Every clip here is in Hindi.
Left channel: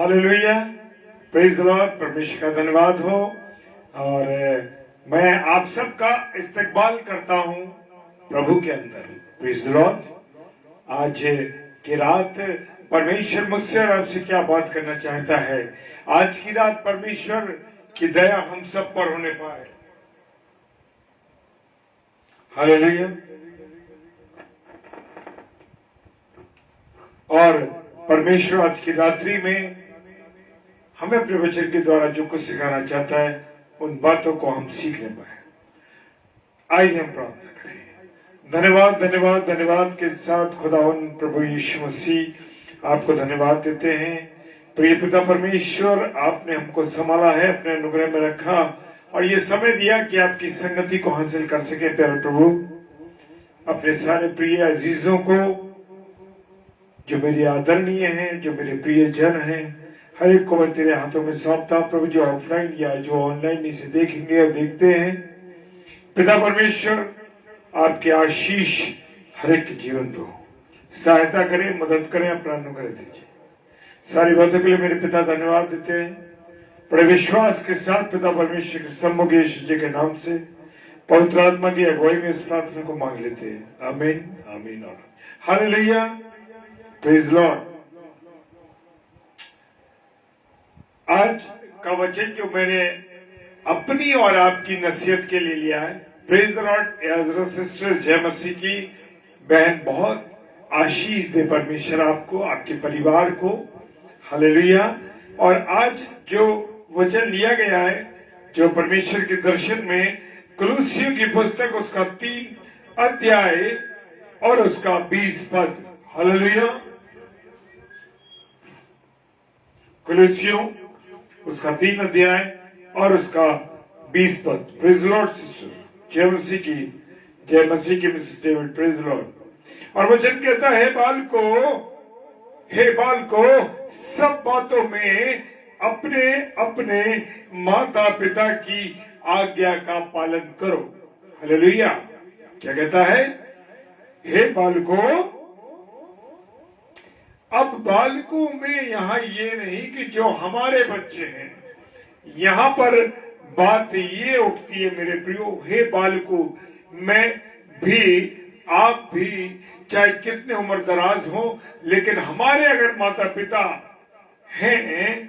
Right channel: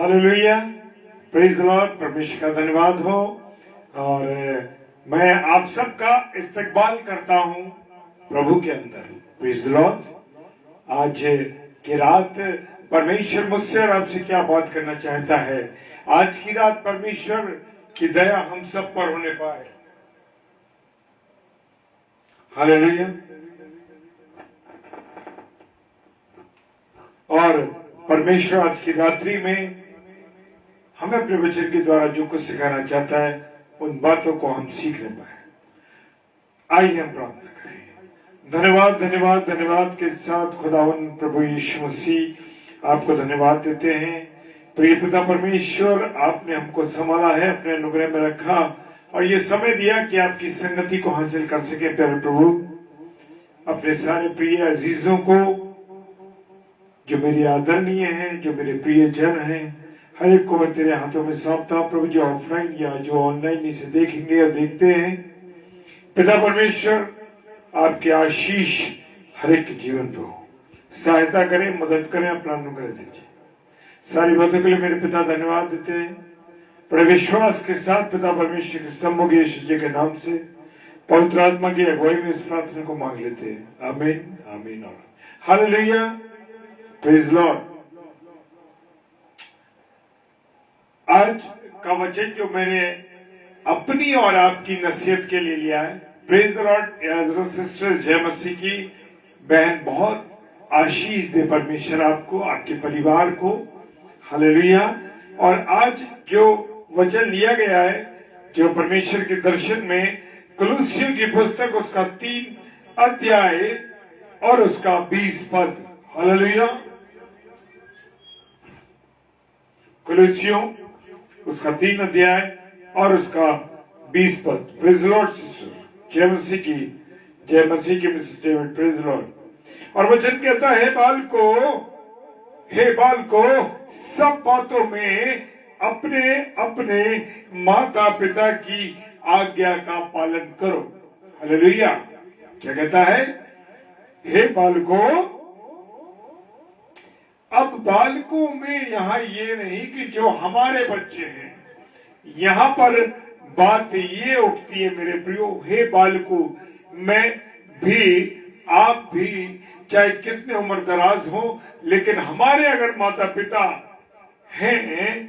Hallelujah, praise the Lord. परमेश्वर का धन्यवाद हो। और मैं आप सबका इस्तकबाल करता हूं प्रभु के अंदर। Praise the Lord. आज की रात परमेश्वर मुझसे और आपसे क्या बात करना चाहता है। आज की रात परमेश्वर की दया हम सब पर होने पाए। हालेलुया। और परमेश्वर आज की रात्रि में हमें अपने वचन के द्वारा जो कुछ सिखाना चाहता है उन बातों को हम सीख ले पाए। आइए हम प्रार्थना करें। धन्यवाद धन्यवाद धन्यवाद के साथ खुदावन प्रभु यीशु मसीह आपको धन्यवाद देते हैं। प्रिय पिता परमेश्वर, आपने हमको संभाला है, अपने अनुग्रह में रखा और ये समय दिया कि आपकी संगति को हासिल कर सके। प्यारे प्रभु, अपने सारे प्रिय अजीजों को जो मेरे आदरणीय हैं, जो मेरे प्रिय जन हैं, हर एक को मैं तेरे हाथों में सौंपता हूं प्रभु, जो ऑफलाइन या जो ऑनलाइन इसे देखेंगे और देखते हैं। पिता परमेश्वर, आपके आशीष हर एक के जीवन पे हो। सहायता करें, मदद करें, अपना अनुग्रह दीजिए। सारी बातों के लिए मेरे पिता धन्यवाद देते हैं। बड़े विश्वास के साथ पिता परमेश्वर के सम्मुख यीशु जी के नाम से पवित्र आत्मा की अगुवाई में इस प्रार्थना को मांग लेते हैं। आमीन आमीन और हालेलुया। Praise Lord. आज का वचन जो मैंने अपनी और आपकी नसीहत के लिए लिया है, praise the Lord. Ezra sister जय मसीह की बहन, बहुत आशीष दे परमेश्वर आपको, आपके परिवार को। हालेलुया। और आज जो वचन लिया गया है, जो परमेश्वर के दर्शन में कुलुस्सियों की पुस्तक उसका 3 अध्याय और उसका 20 पद। हालेलुया। कुलुस्सियों उसका 3 अध्याय और उसका 20 पद। प्रेज लॉर्ड सिस्टर जय मसीह की, जय मसीह की मिसेस डेविड। Praise Lord. और वचन कहता है, हे बालको, सब बातों में अपने अपने माता पिता की आज्ञा का पालन करो। हालेलुया। क्या कहता है? हे बालको। अब बालकों में यहां ये नहीं कि जो हमारे बच्चे हैं, यहां पर बात ये उठती है मेरे प्रियो, हे बालको, मैं भी, आप भी, चाहे कितने उम्र दराज हो, लेकिन हमारे अगर माता पिता हैं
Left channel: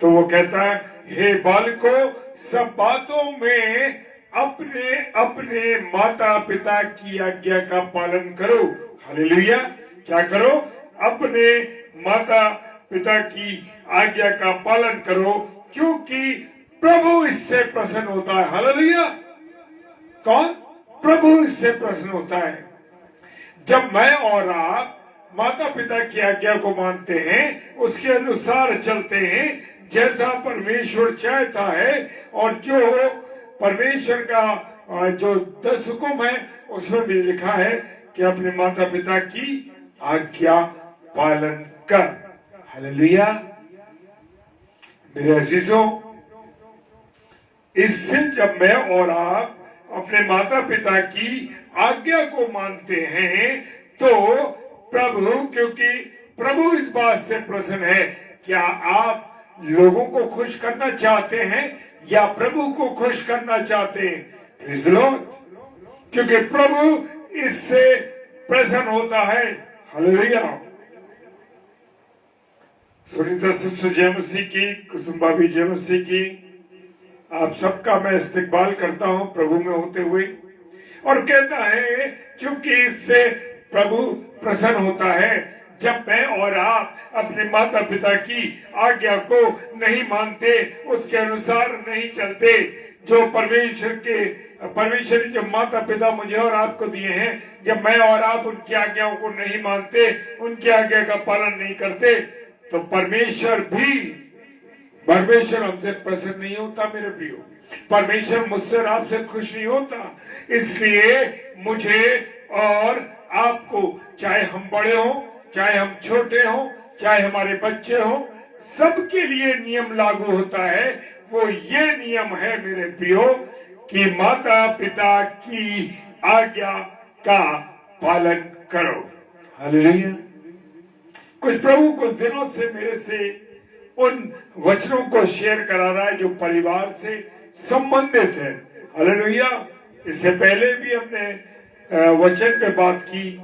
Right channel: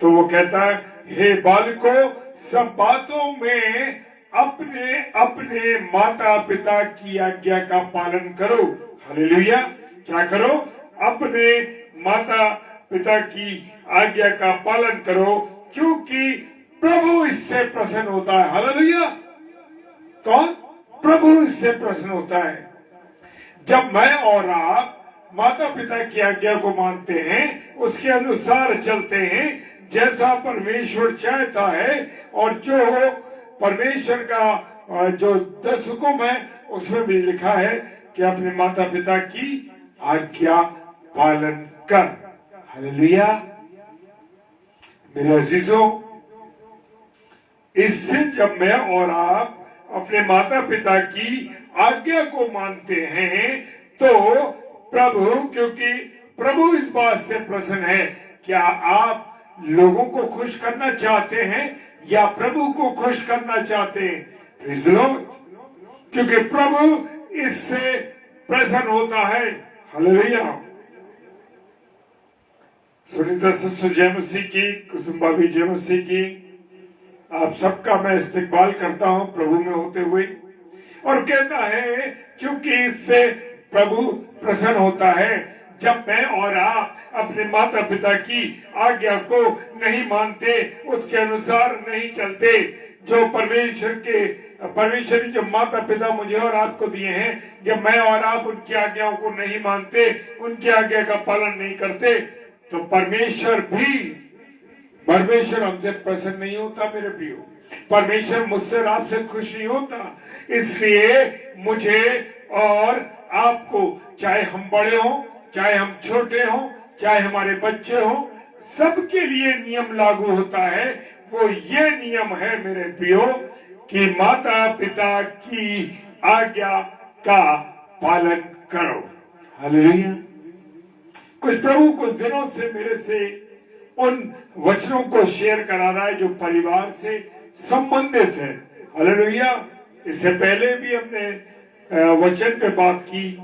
तो वो कहता है, हे बालको, सब बातों में अपने अपने माता पिता की आज्ञा का पालन करो। हालेलुया। क्या करो? अपने माता पिता की आज्ञा का पालन करो, क्योंकि प्रभु इससे प्रसन्न होता है। हालेलुया। कौन? प्रभु इससे प्रसन्न होता है। जब मैं और आप माता पिता की आज्ञा को मानते हैं, उसके अनुसार चलते हैं, जैसा परमेश्वर चाहता है, और जो परमेश्वर का जो 10 हुक्म है उसमें भी लिखा है कि अपने माता पिता की आज्ञा पालन कर। हालेलुया। मेरे अजीजों, इससे जब मैं और आप अपने माता पिता की आज्ञा को मानते हैं तो प्रभु, क्योंकि प्रभु इस बात से प्रसन्न है, क्या आप लोगों को खुश करना चाहते हैं या प्रभु को खुश करना चाहते हैं? Praise the Lord. क्योंकि प्रभु इससे प्रसन्न होता है। हालेलुया। सुनीता सिस्टर जय मसीह की, कुसुम भाभी जय मसीह की, आप सबका मैं इस्तकबाल करता हूं प्रभु में होते हुए। और कहता है, क्योंकि इससे प्रभु प्रसन्न होता है जब मैं और आप अपने माता पिता की आज्ञा को नहीं मानते, उसके अनुसार नहीं चलते, जो परमेश्वर जो माता पिता मुझे और आपको दिए हैं, जब मैं और आप उनकी आज्ञाओं को नहीं मानते, उनकी आज्ञा का पालन नहीं करते, तो परमेश्वर हमसे प्रसन्न नहीं होता। मेरे प्रियो, परमेश्वर मुझसे और आपसे खुश नहीं होता। इसलिए मुझे और आपको, चाहे हम बड़े हों, चाहे हम छोटे हों, चाहे हमारे बच्चे हों, सबके लिए नियम लागू होता है। वो ये नियम है मेरे प्रियो कि माता पिता की आज्ञा का पालन करो। हालेलुया। कुछ दिनों से मेरे से उन वचनों को शेयर करा रहा है जो परिवार से संबंधित है। हालेलुया। इससे पहले भी हमने वचन पे बात की,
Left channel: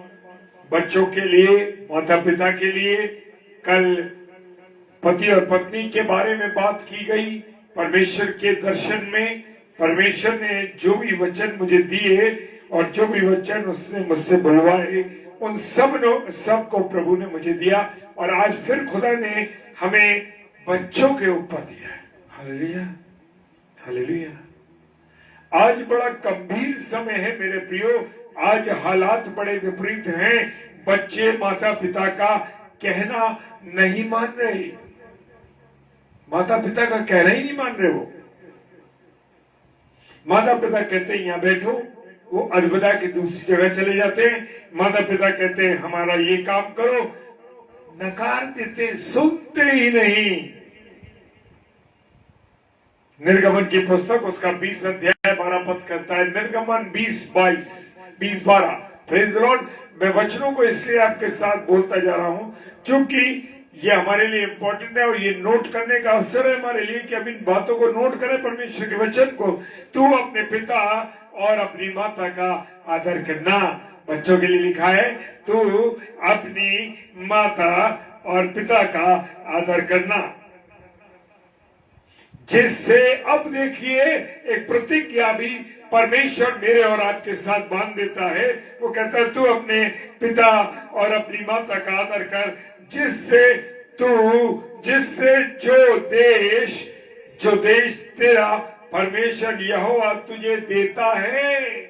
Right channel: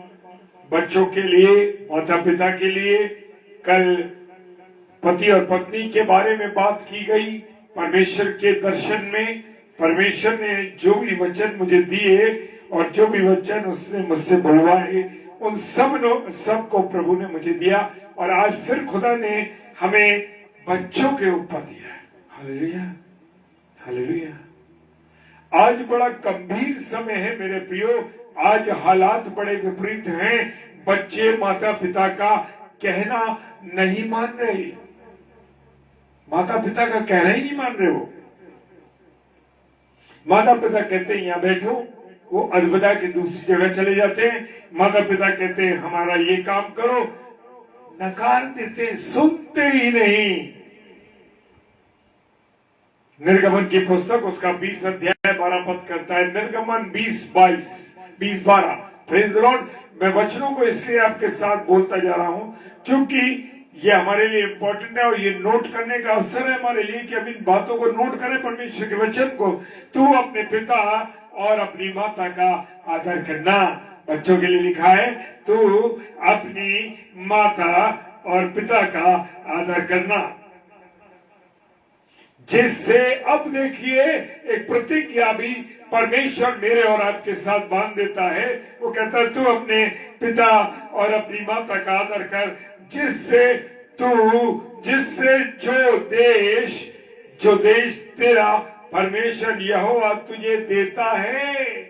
बच्चों के लिए, माता पिता के लिए। कल पति और पत्नी के बारे में बात की गई। परमेश्वर के दर्शन में परमेश्वर ने जो भी वचन मुझे दिए और जो भी वचन उसने मुझसे बुलवाए, उन सब को प्रभु ने मुझे दिया। और आज फिर खुदा ने हमें बच्चों के ऊपर दिया। Hallelujah, hallelujah. आज बड़ा गंभीर समय है मेरे प्रियो। आज हालात बड़े विपरीत हैं। बच्चे माता पिता का कहना नहीं मान रहे, माता पिता का कहना ही नहीं मान रहे। वो माता पिता कहते हैं यहाँ बैठो, वो अलविदा के दूसरी जगह चले जाते हैं। माता पिता कहते हैं हमारा ये काम करो, नकार देते, सुनते ही नहीं। निर्गमन की पुस्तक उसका 20 अध्याय 12 पद कहता है, निर्गमन 20:12। Praise the Lord. मैं वचनों को इसलिए आपके साथ बोलता जा रहा हूं क्योंकि ये हमारे लिए इंपॉर्टेंट है और ये नोट करने का अवसर है हमारे लिए कि अब इन बातों को नोट करें परमेश्वर के वचन को। तू अपने पिता और अपनी माता का आदर करना। बच्चों के लिए लिखा है, तू अपनी माता और पिता का आदर करना, जिससे अब देखिए एक प्रतिज्ञा भी परमेश्वर मेरे और आपके साथ बांध देता है। वो कहता है तू अपने पिता और अपनी माता का आदर कर, जिससे जो देश तेरा परमेश्वर यहोवा तुझे देता है।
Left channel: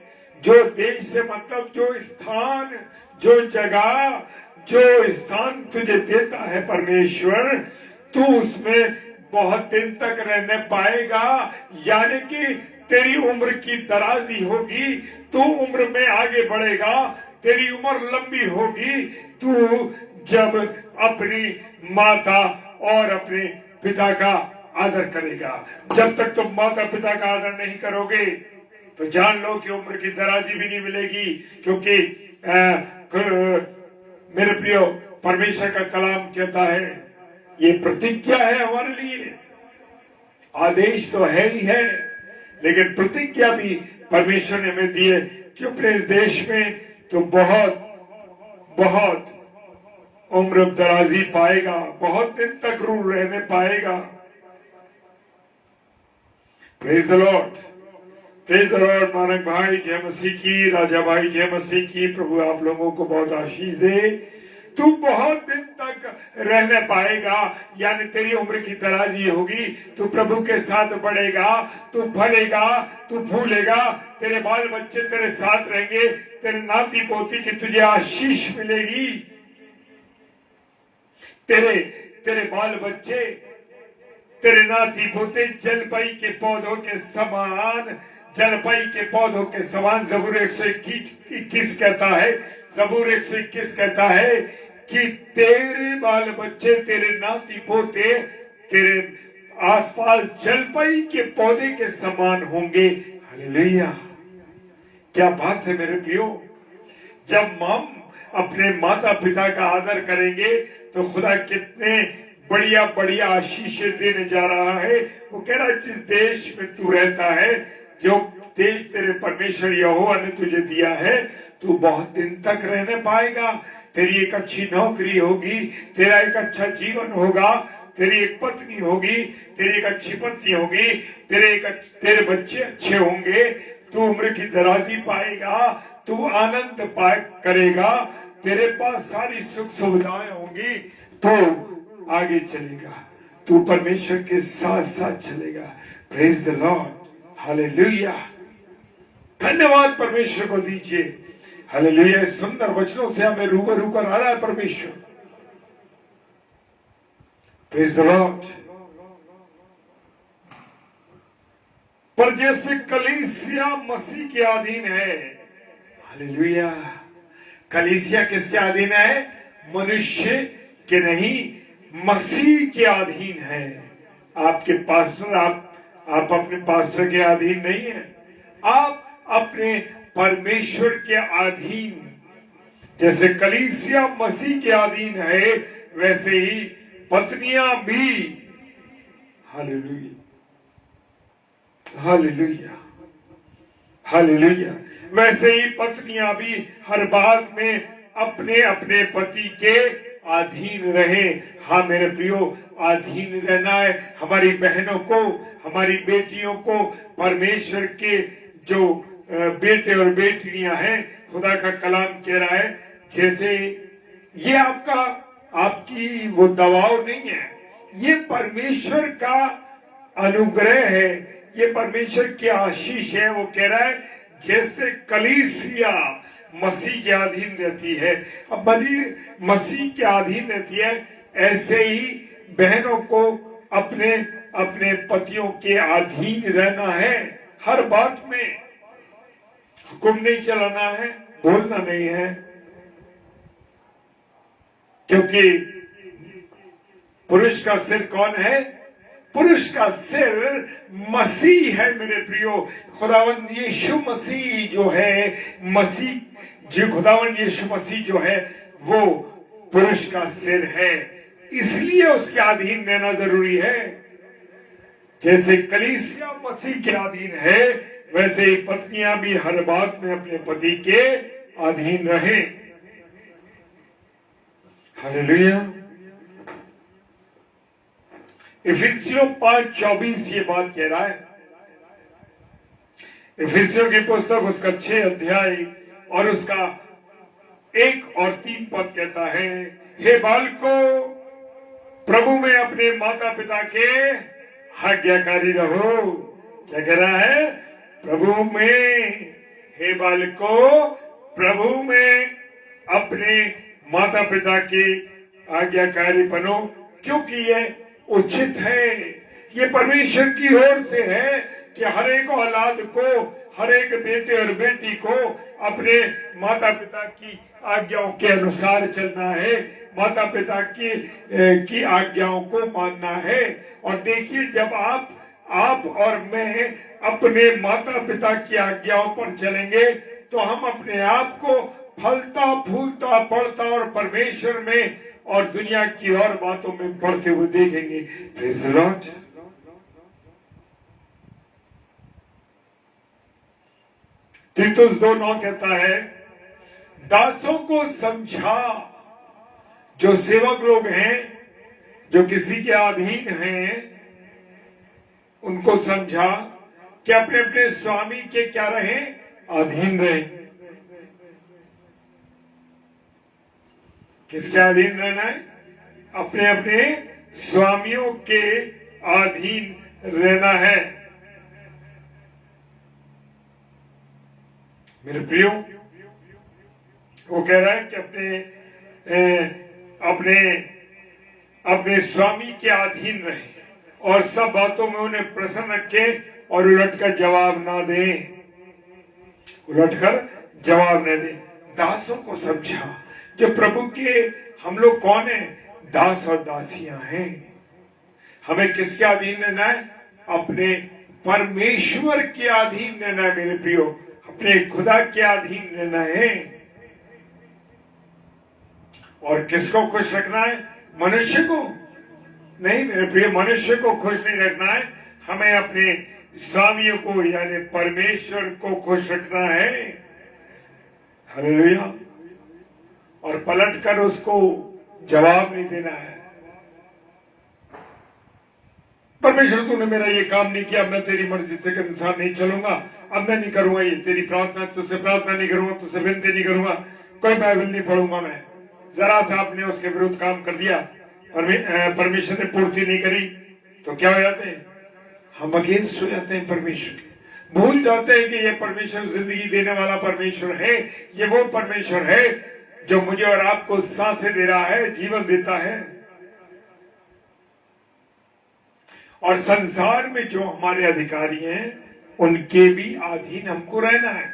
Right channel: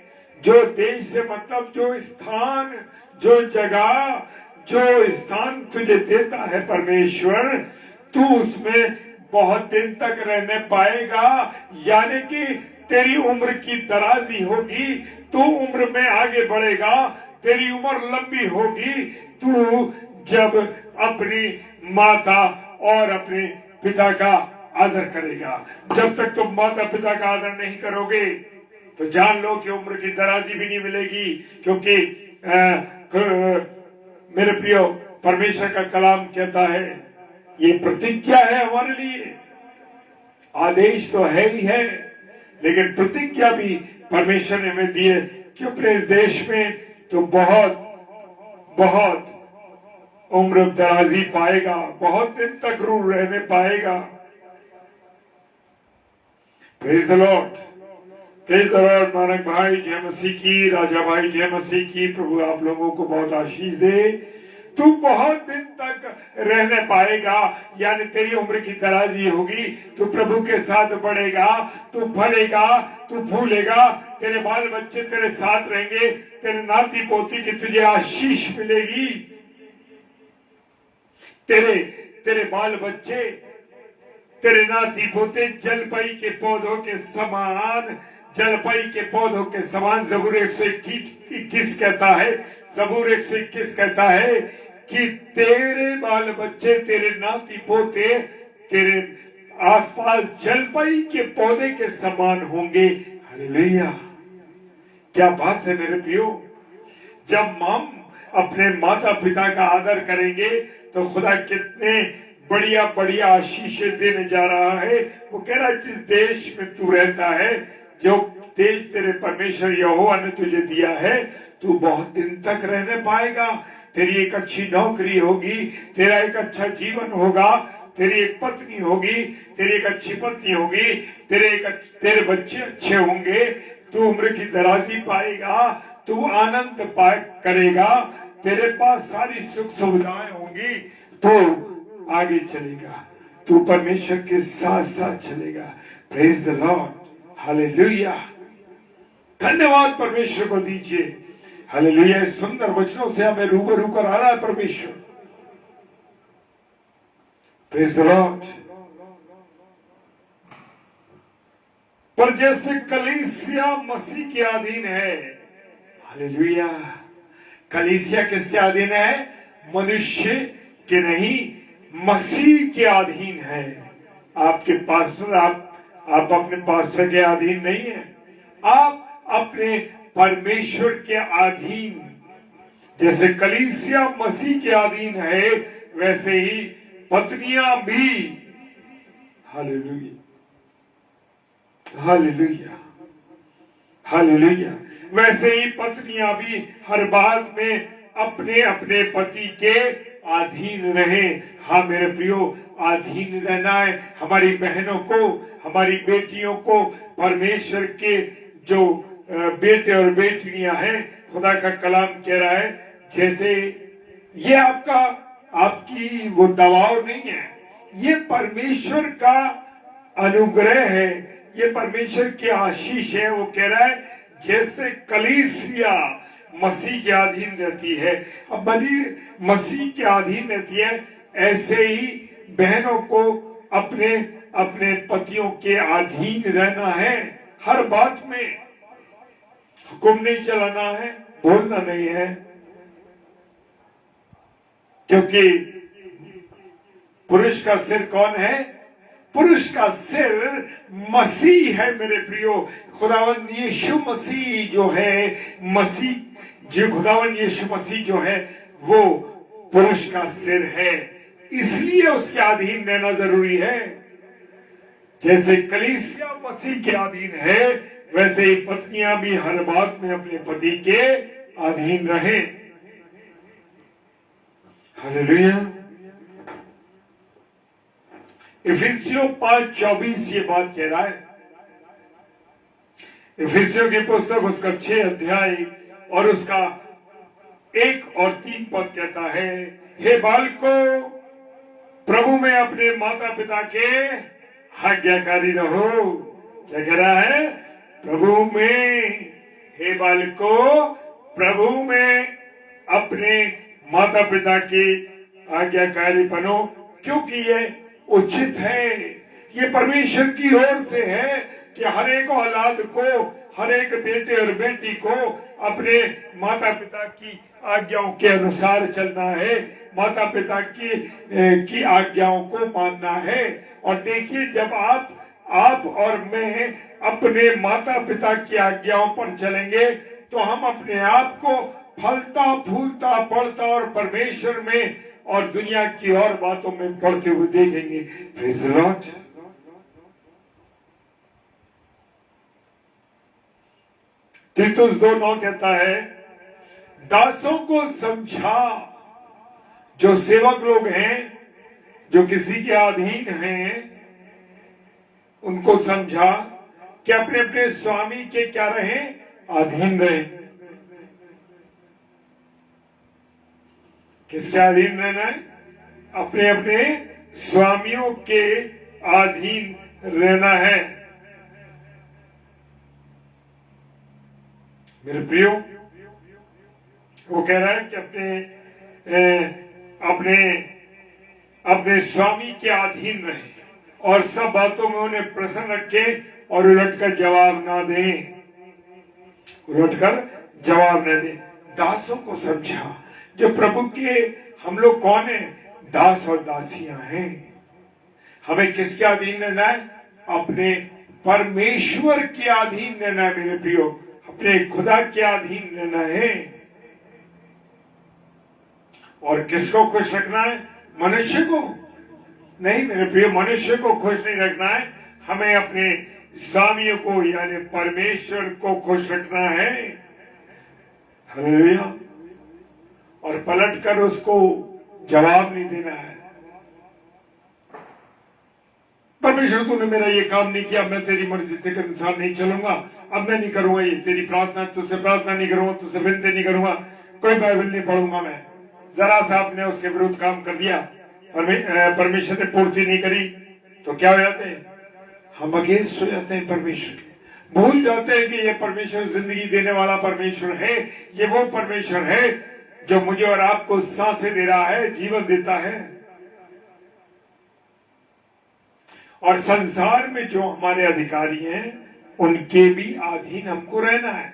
जो देश से मतलब जो स्थान, जो जगह, जो स्थान तुझे देता है परमेश्वर, तू उसमें बहुत दिन तक रहने पाएगा। यानी कि तेरी उम्र की दराजी होगी, तू उम्र में आगे बढ़ेगा, तेरी उम्र लंबी होगी। तू जब अपनी माता और अपने पिता का आदर करेगा। जब तक तुम माता पिता का आदर नहीं करोगे तो जान लो कि उम्र की दराजी भी नहीं मिलेगी। क्योंकि मेरे प्रियो, परमेश्वर का कलाम कहता है, ये प्रतिज्ञा है हमारे लिए। आदेश तो है ही है, लेकिन प्रतिज्ञा भी परमेश्वर ने हमें दी है कि अपने इस देश में तो बहुत बहुत उम्र दराजी पाएगा, बहुत दिन तक रूह रहने पाएगा। Praise the Lord, praise the Lord. Nanak भाई जय मसीह की, राजा भाई जय मसीह की। प्रभु आप लोगों को बहुत आशीष दे। तू बहुत दिन तक रहने पाएगा, यानी तेरी उम्र की दराजी होगी। तू प्रभु के साथ बढ़ेगा, तू बढ़ेगा, तू फूलेगा, तेरे बाल बच्चे तेरे साथ रहेंगे, तेरे नाती पोती की तुझे आशीष मिलेगी। तेरे बाल बच्चे, तेरे नाती पोते जलपई के पौधों के समान, जलपई के पौधों के समान। ज़बूर 121 कहता है, ज़बूर 121 कहता है कि तेरे बाल बच्चे, तेरे नाती पोते तेरे आसपास जलपई के पौधे के समान होंगे। हालेलुया, क्या बात है मेरे प्रियो। जब हम अपने माता पिता का आदर करेंगे तो खुदा कितने बढ़िया बढ़िया आशीषें देने जा रहा है। वो कह रहा है जिस देश में तू रहता है, जो देश तेरे परमेश्वर यहोवा ने तुझे दिया है, तू बहुत दिन तक रहने पाएगा। तेरी एक अच्छी नौकरी होगी, तेरा एक अच्छा जीवन होगा, तेरी एक पत्नी होगी, तेरी एक अच्छी पत्नी होगी, तेरे बच्चे अच्छे होंगे, तू उम्र की दराजी पाएगा, तू आनंद करेगा, तेरे पास सारी सुख सुविधाएं होंगी, तो आगे चलेगा, तू परमेश्वर के साथ साथ चलेगा। Praise the lord, hallelujah. धन्यवाद परमेश्वर को दीजिए। हालेलुया। इस सुंदर वचनों से हमें रूबरू कर आ रहा है परमेश्वर। Praise the Lord. पर जैसे कलीसिया मसीह के अधीन है, हालेलुया। कलीसिया किसके अधीन है? मनुष्य के नहीं, मसीह के अधीन है। आपके पास्टर, आप अपने पास्टर के अधीन नहीं है, आप अपने परमेश्वर के अधीन। जैसे कलीसिया मसीह के अधीन है, वैसे ही पत्नियां भी हालेलुया, हालेलुया, हालेलुया। वैसे ही पत्नियां भी हर बात में अपने अपने पति के अधीन रहे। हाँ मेरे प्रियो, अधीन रहना है। हमारी बहनों को, हमारी बेटियों को परमेश्वर के जो बेटे और बेटियां हैं, खुदा का कलाम कह रहा है, जैसे ये आपकी वो दबाव नहीं है, ये परमेश्वर का अनुग्रह है, ये परमेश्वर की आशीष है। वो कह रहा है जैसे कलीसिया मसीह के अधीन रहती है, अब मसीह के अधीन रहती है, ऐसे ही बहनों को अपने अपने पतियों के अधीन रहना है। हर बात में हुक्म नहीं चलाना है, बोलना नहीं है, क्योंकि पुरुष का सिर कौन है? पुरुष का सिर मसीह है मेरे प्रियो। खुदावंद यीशु मसीह जो है, खुदावंद यीशु मसीह जो है वो पुरुष का सिर है, इसलिए उसके अधीन रहना जरूरी है। जैसे कलीसिया मसीह के अधीन है, वैसे ही पत्नियां भी हर बात में अपने पति के अधीन रहें। हालेलुया। इफिसियों 5:24 ये बात कह रहा है। इफिसियों की पुस्तक उसका 6 अध्याय और उसका 1 और 3 पद कहता है, हे बालकों प्रभु में अपने माता पिता के आज्ञाकारी रहो। क्या कह रहा है? प्रभु में, हे बालकों प्रभु में अपने माता पिता के आज्ञाकारी बनो, क्योंकि ये उचित है। ये परमेश्वर की ओर से है कि हर एक औलाद को, हर एक बेटे और बेटी को अपने माता पिता की आज्ञाओं के अनुसार चलना है, माता पिता की आज्ञाओं को मानना है। और देखिए, जब आप और मैं अपने माता पिता की आज्ञाओं पर चलेंगे तो हम अपने आप को फलता फूलता बढ़ता और परमेश्वर में और दुनिया की और बातों में बढ़ते हुए देखेंगे। Praise the Lord. तीतुस 2:9 कहता है, दासों को समझा, जो सेवक लोग हैं, जो किसी के अधीन हैं, उनको समझा कि अपने अपने स्वामी के क्या रहें? अधीन रहें। किसके अधीन रहना है? अपने अपने स्वामियों के अधीन रहना है। मेरे प्रियो, वो कह रहा है कि अपने स्वामी के अधीन रहे और सब बातों में उन्हें प्रसन्न रखे और उलटकर जवाब ना दें, उलटकर जवाब न दें। दासों को समझा, जो प्रभु के हम लोग कौन है? दास और दासियां हैं। हमें किसके अधीन रहना है? अपने परमेश्वर के अधीन रहना है मेरे प्रियो, अपने खुदा के अधीन रहना है। और किसको खुश रखना है? मनुष्य को नहीं मेरे प्रियो, मनुष्य को खुश नहीं रखना है, हमें अपने स्वामियों को यानी परमेश्वर को खुश रखना है। हालेलुया। और पलटकर उसको जवाब नहीं देना है, परमेश्वर तूने मेरा ये काम नहीं किया, मैं तेरी मर्जी से अनुसार नहीं चलूंगा, अब मैं नहीं करूंगा ये तेरी प्रार्थना, तुझसे प्रार्थना नहीं करूंगा, तुझसे विनती नहीं करूंगा, कोई बाइबल नहीं पढ़ूंगा मैं। जरा सा आपने उसके विरुद्ध काम कर दिया, परमेश्वर ने पूर्ति नहीं करी, तो क्या हो जाते हैं? हम अगेंस्ट हो जाते हैं परमेश्वर के, भूल जाते हैं कि ये परमेश्वर जिंदगी देने वाला परमेश्वर है, ये वो परमेश्वर है जो मुझे और आपको सांसें दे रहा है, जीवन देता है। और संसार में जो हमारे अधिकारी हैं उनके भी अधीन हमको रहना है।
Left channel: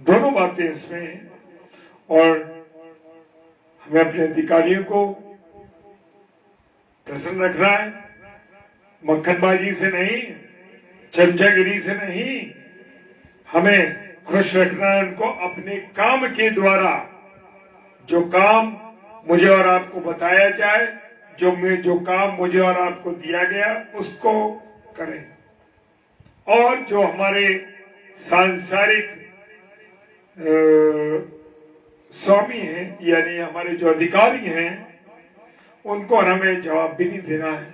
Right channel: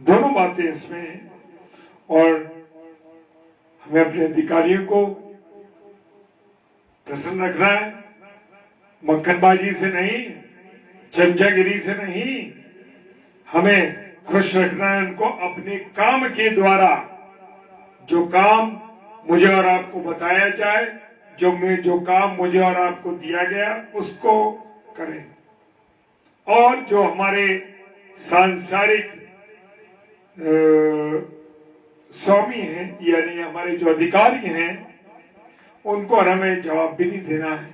दोनों बातें इसमें हैं। और हमें अपने अधिकारियों को प्रसन्न रखना है, मक्खनबाजी से नहीं, चमचागिरी से नहीं, हमें खुश रखना है उनको अपने काम के द्वारा। जो काम मुझे और आपको बताया जाए, जो काम मुझे और आपको दिया गया उसको करें। और जो हमारे सांसारिक स्वामी हैं, यानी हमारे जो अधिकारी हैं, उनको हमें जवाब भी नहीं देना है।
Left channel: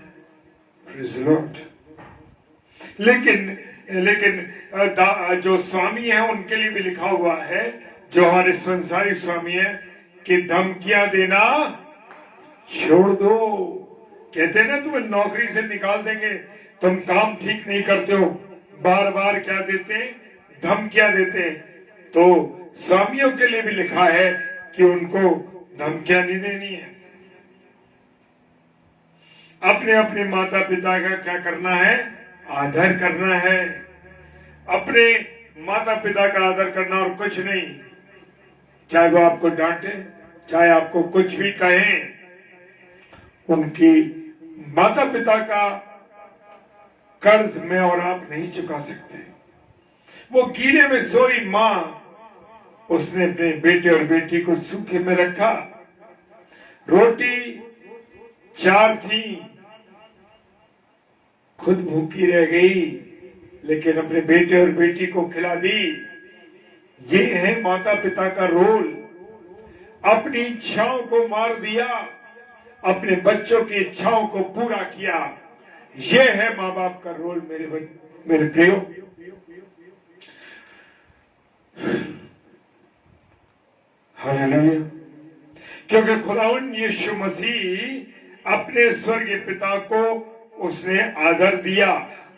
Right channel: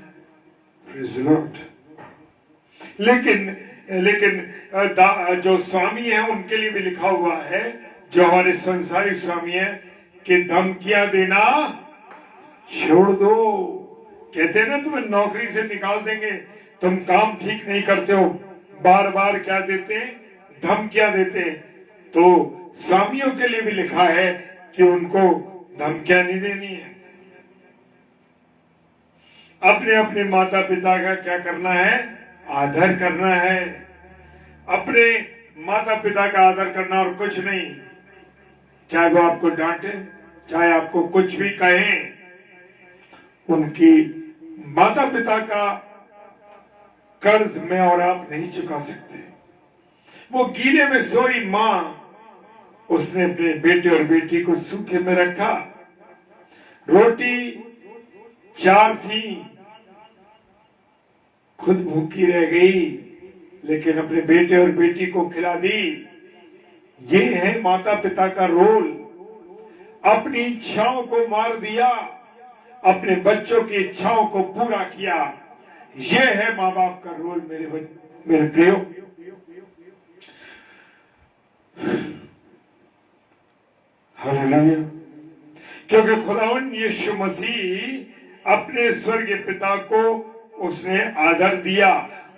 लेकिन जो स्वामी हैं उनके लिए भी लिखा हुआ है, जो हमारे संसारिक स्वामी हैं, कि धमकियां देना छोड़ दो। कहते हैं ना, तुम्हें नौकरी से निकाल देंगे, तुम काम ठीक नहीं करते हो, बार बार क्या देते, धमकियां देते। तो स्वामियों के लिए भी लिखा है कि उनको धमकियां नहीं देनी है। अपने अपने माता पिता का क्या करना है, आदर करना है। अपने माता पिता का आदर करना और कुछ नहीं। चाहे वो आपको डांटे, चाहे आपको कुछ भी कहें, उनकी माता पिता का कर्ज में और आप नहीं चुका सकते। वो गीले में सोई मां, उसने अपने बेटे और बेटी को सूखे में रखा। रोटी 4 थी, खुद भूखी रह गई, लेकिन अपने बेटे और बेटी को खिला दी। ये है माता पिता का रोल। अपनी इच्छाओं को मार दिया, अपने बच्चों की इच्छाओं को पूरा किया। यह है माँ बाप का रोल मेरे प्रियो। हालेलुया। क्योंकि खुदावंद यीशु मसीह अपने स्वर्गीय पिता को उसने आदर दिया,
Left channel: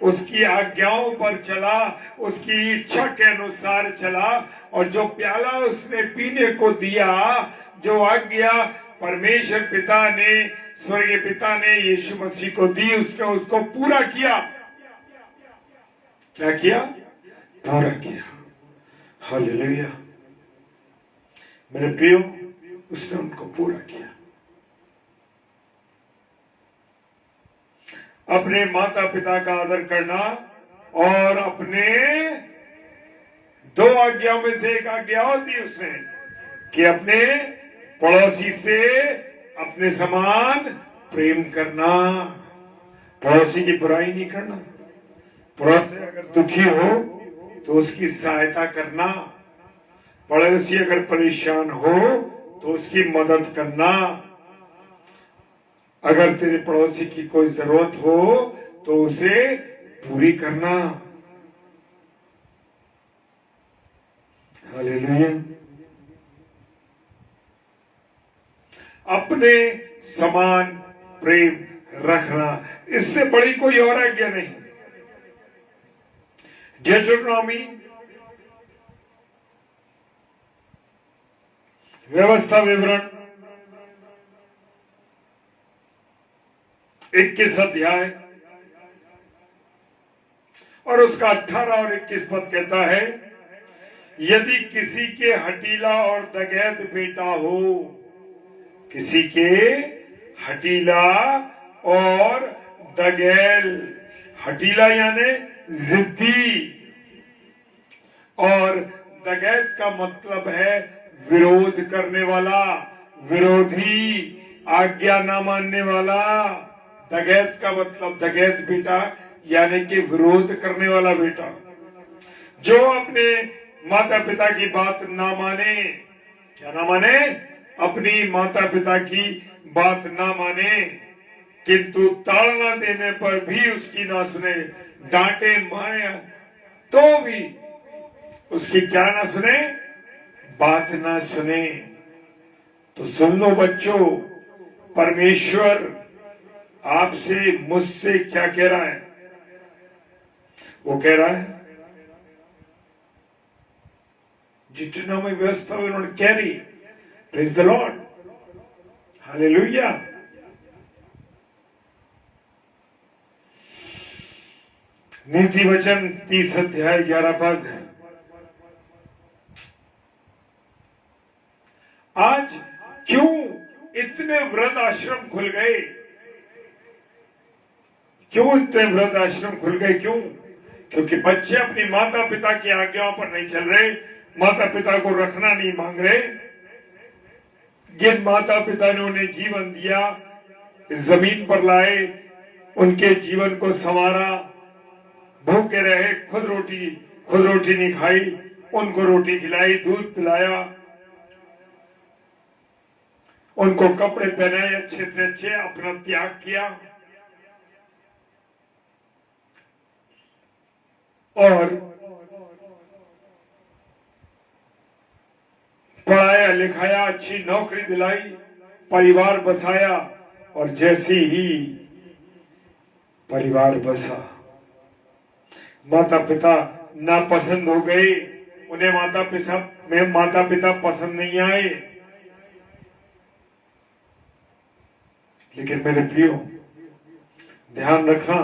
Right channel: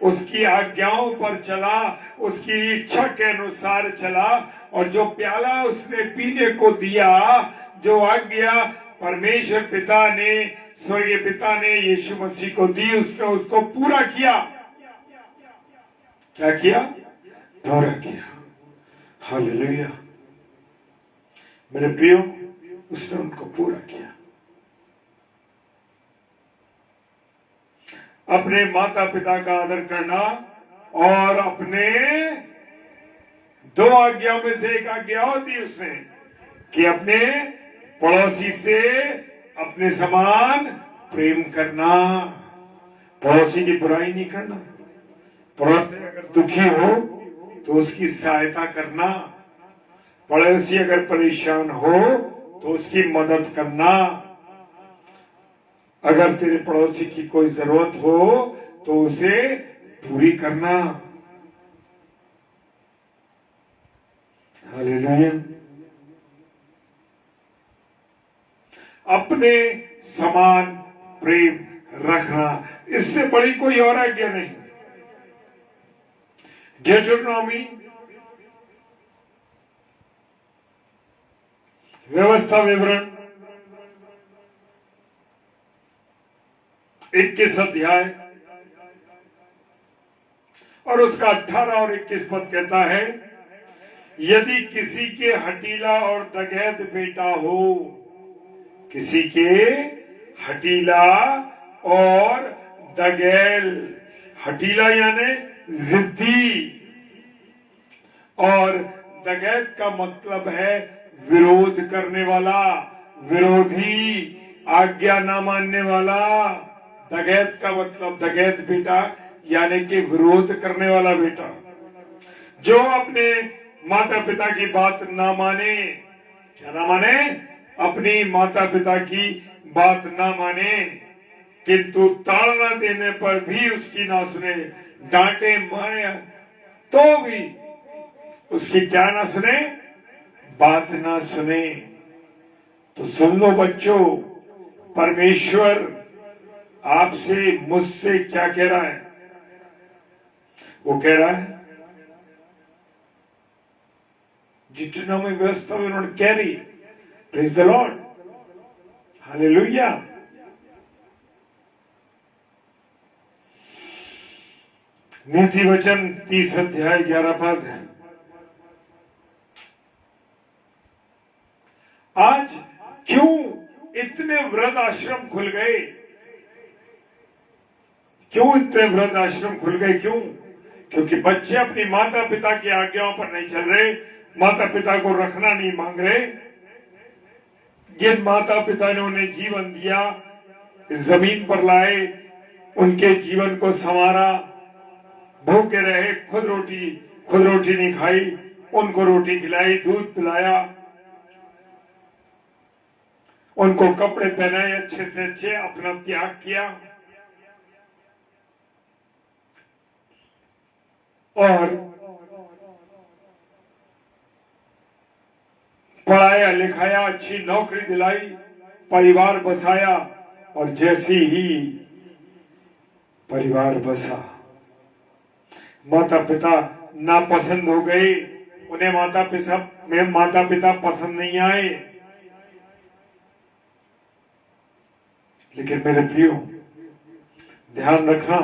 उसकी आज्ञाओं पर चला, उसकी इच्छा के अनुसार चला, और जो प्याला उसने पीने को दिया, जो आज्ञा परमेश्वर पिता ने, स्वर्गीय पिता ने यीशु मसीह को दी, उसने उसको पूरा किया। क्या किया? पूरा किया। हालेलुया। मेरे प्रियो, उसने उनको पूरा किया। अपने माता पिता का आदर करना और अपने 2 आज्ञाओं में से एक आज्ञा और दी उसने कि अपने पड़ोसी से अपने समान प्रेम करना, पड़ोसी की बुराई नहीं करना। पड़ोसी अगर दुखी हो तो उसकी सहायता करना, पड़ोसी अगर परेशान हो तो उसकी मदद करना। अगर तेरे पड़ोसी की कोई जरूरत हो तो उसे पूरी करना। हालेलुया। अपने समान प्रेम रखना, इससे बड़ी कोई और आज्ञा नहीं। deuteronomy व्यवस्था विवरण 21 अध्याय और उसका 18 और 21 पद कहता है, यदि किसी के हठीला और दगैत बेटा हो, किसी के हठीला और दगैल, हठीला यानी जिद्दी, और दगैत का मतलब है विरोध करने वाला, विरोधी, आज्ञा न मानने वाला। दगैत का मतलब, दगैत बेटा यानी कि विरोध करने वाला बेटा, जो अपने माता पिता की बात ना माने। क्या ना माने? अपनी माता पिता की बात ना माने, किंतु ताड़ना देने पर भी उसकी ना सुने, डांटे मारे तो भी उसकी क्या ना सुने, बात ना सुने। तो सुन लो बच्चों, परमेश्वर आपसे, मुझसे क्या कह रहा है? वो कह रहा है, जितना में व्यवस्था में उन्होंने कह रही, प्रेज द लॉर्ड, हालेलुया। नीति वचन 30 अध्याय 11 पद। आज क्यों इतने वृद्ध आश्रम खुल गए? क्यों इतने वृद्ध आश्रम खुल गए? क्यों? क्योंकि बच्चे अपनी माता पिता की आज्ञाओं पर नहीं चल रहे, माता पिता को रखना नहीं मांग रहे। जिन माता पिता ने उन्हें जीवन दिया, इस जमीन पर लाए, उनके जीवन को संवारा, भूखे रहे, खुद रोटी नहीं खाई, उनको रोटी खिलाई, दूध पिलाया, उनको कपड़े पहनाए अच्छे से अच्छे, अपना त्याग किया और पढ़ाया लिखाया, अच्छी नौकरी दिलाई, परिवार बसाया। और जैसे ही परिवार बसा, माता पिता नापसंद हो गए, उन्हें माता पिता पसंद नहीं आए। लेकिन मेरे प्रियो, ध्यान रखना,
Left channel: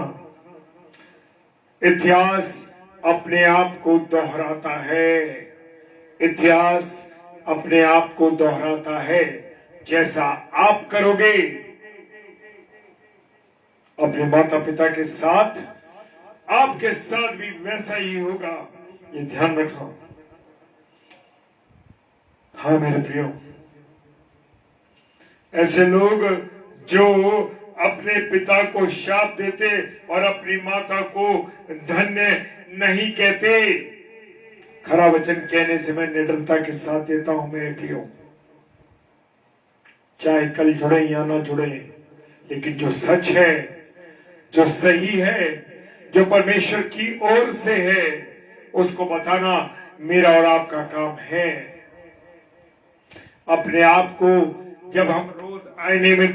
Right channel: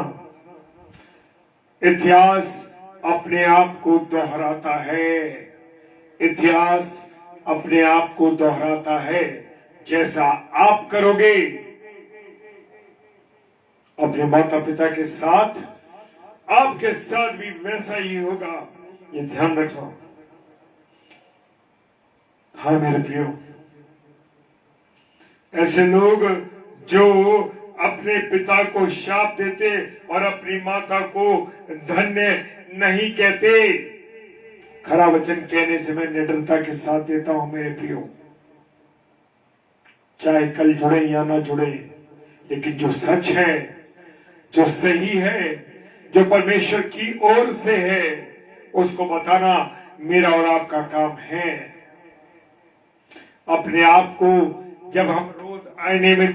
इतिहास अपने आप को दोहराता है। इतिहास अपने आप को दोहराता है। जैसा आप करोगे अपने माता पिता के साथ, आपके साथ भी वैसा ही होगा, ये ध्यान रखो। हाँ मेरे प्रियो, ऐसे लोग जो अपने पिता को शाप देते और अपनी माता को धन्य नहीं कहते, खरा वचन कहने से मैं निडरता के साथ देता हूं मेरे प्रियो, चाहे कल जुड़े या ना जुड़े, लेकिन जो सच है, जो सही है, जो परमेश्वर की ओर से है, उसको बताना मेरा और आपका काम है। अपने आप को जब हम रोज आईने में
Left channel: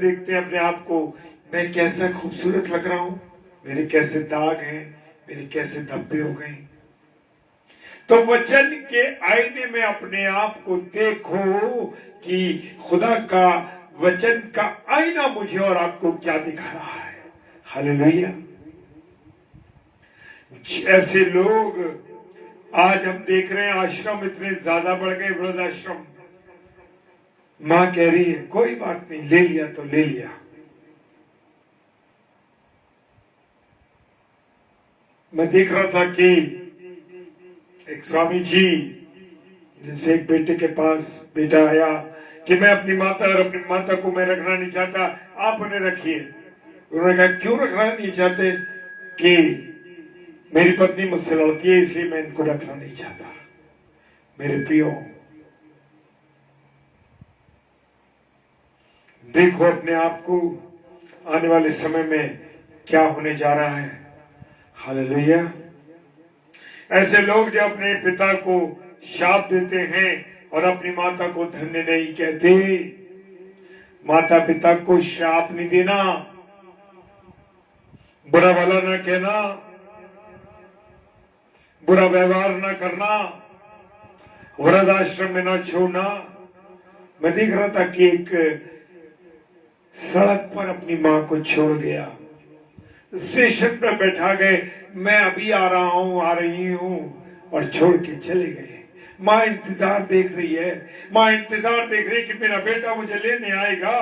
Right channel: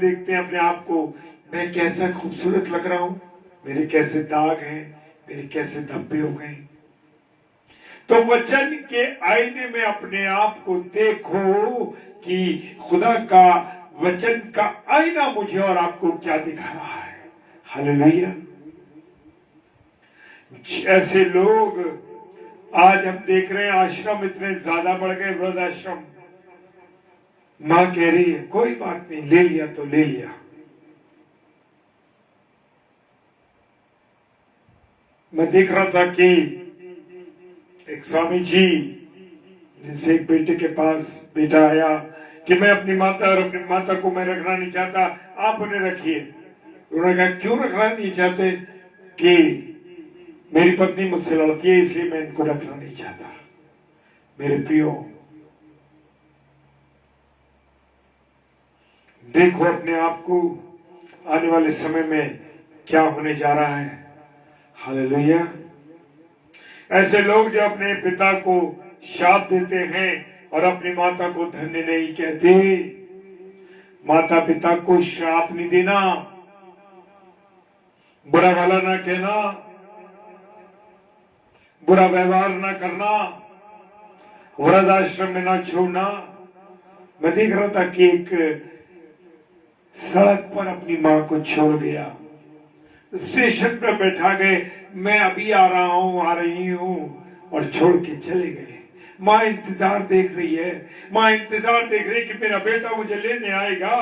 देखते हैं अपने आप को, मैं कैसा खूबसूरत लग रहा हूं, मेरे कैसे दाग हैं, मेरे कैसे धब्बे हो गए, तो वचन के आईने में अपने आप को देखो कि खुदा का वचन का आईना मुझे और आपको क्या दिखा रहा है। हालेलुया। ऐसे लोग आज हम देख रहे हैं, आश्रम इतने ज्यादा बढ़ गए, वृद्धाश्रम। मां कह रही है कोई बात नहीं, ले लिया तो ले लिया। मैं देख रहा था कि एक स्वामी जी, जिनसे एक बेटे के पास बेटा आया कि मैं अपनी माता को मैं रखना नहीं चाहता, आप उन्हें रखिए। उन्होंने कहा क्यों रखना नहीं चाहते? कि मेरी पत्नी मुझसे लड़ती है, इसलिए मैं इनको रखना नहीं चाहता। मेरे प्रियो, देखो अपने आप को, आने वाले समय में क्या होने जा रहा है। हालेलुया। ऐसे लोग जो अपने पिता को शाप देते हैं और अपनी माता को धन्य नहीं कहते। माता पिता को शाप नहीं देना, बुरा भला ना कहना, बुरा व्यवहार ना करना, वृद्धाश्रम में ना छोड़ना। मैं देख रहा था कि एक सड़क पर अपनी मां को छोड़ गया, स्टेशन पर बैठा गए, मैं अभी आ रही हूं, और छोड़ के चले गए। मां इंतजार देख रही है, मां इंतजार देख रही है कि मेरा बेटा मुझे लेने आएगा।